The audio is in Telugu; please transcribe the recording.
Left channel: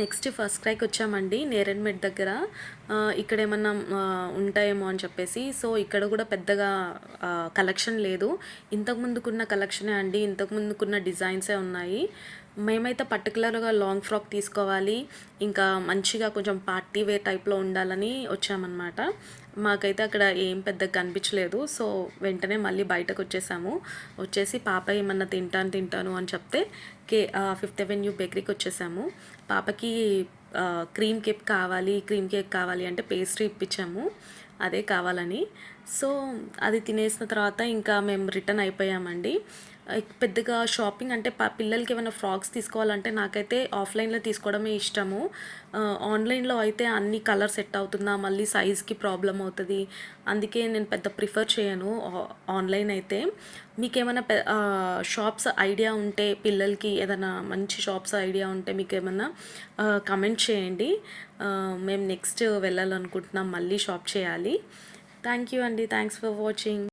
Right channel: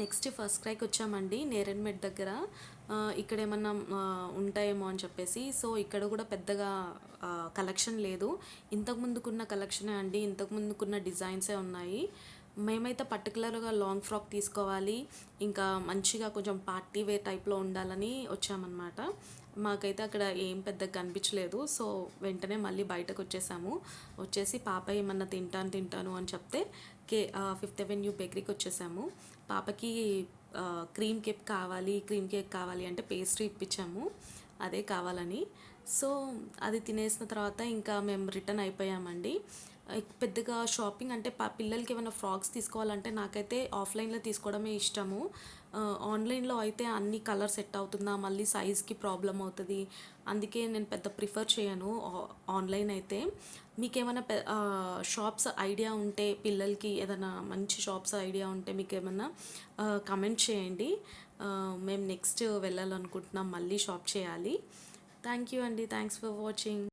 నెక్స్ట్ ఫస్ట్ క్రైకి వచ్చామండి నేరెడ్మెట్ దగ్గర. ఇక్కడ ఏమన్నా ఉంటాయేమో అని చెప్పేసి. సో ఇక్కడ కూడా పెద్దగా కలెక్షన్ లేదు. ఇంతకు ముందుకున్న కలెక్షనే అండి, ఇంతకు ముందుకున్న డిజైన్సే ఉన్నాయి. మేమైతే పర్టికులర్గా లాంగ్ ఫ్రాక్ తీసుకోవాలి, ఇంకా మంచిగా కొంచెం పార్టీ వేర్ టైప్లో ఉండాలని వచ్చామన్నమాట. మాకైతే అక్కడ ఏం పెద్దగా కనిపించలేదు. సో వెంటనే మళ్ళీ బయటకు వచ్చేసి పాప ఏమన్నా తింటాను అని చెప్తే ఫిఫ్త్ అవెన్యూ బేకరీకి వచ్చేసాము. పాపకి క్రీమ్ కేక్ కావాలి అంటే పేస్ట్రీ ఇప్పించాము అదే కావాలని. సో అది తినేసిన తర్వాత ఇంకా మేము రిటర్న్ అయిపోయామండి. పెద్దగా షాపింగ్ అంటే పిల్లలకి ఏమైనా ఫ్రాక్స్ తీసుకోవాలంటే నాకైతే ఆఫ్లైన్లో తీసుకోవడమే ఇష్టము. ఆన్లైన్లో అయితే అన్ని కలర్ సెట్ అవుతుందా, మళ్ళీ సైజ్కి ప్రాబ్లం అవుతుంది. అందుకే నేను పెద్ద ప్రిఫర్ చేయను ఆన్లైన్ అయితే. మీకేమైనా షాప్స్ ఐడియా ఉంటే, పిల్లలకి ఏదైనా మంచి షాప్స్ ఐడియా ఉంటే మీకు ఏమన్నా కమెంట్ చేయండి. మేము నెక్స్ట్ వెళ్ళాలనుకుంటున్నాం, మళ్ళీ షాప్ చేయాలి. థ్యాంక్ యూ అండి, థ్యాంక్స్ ఫర్ వాచింగ్.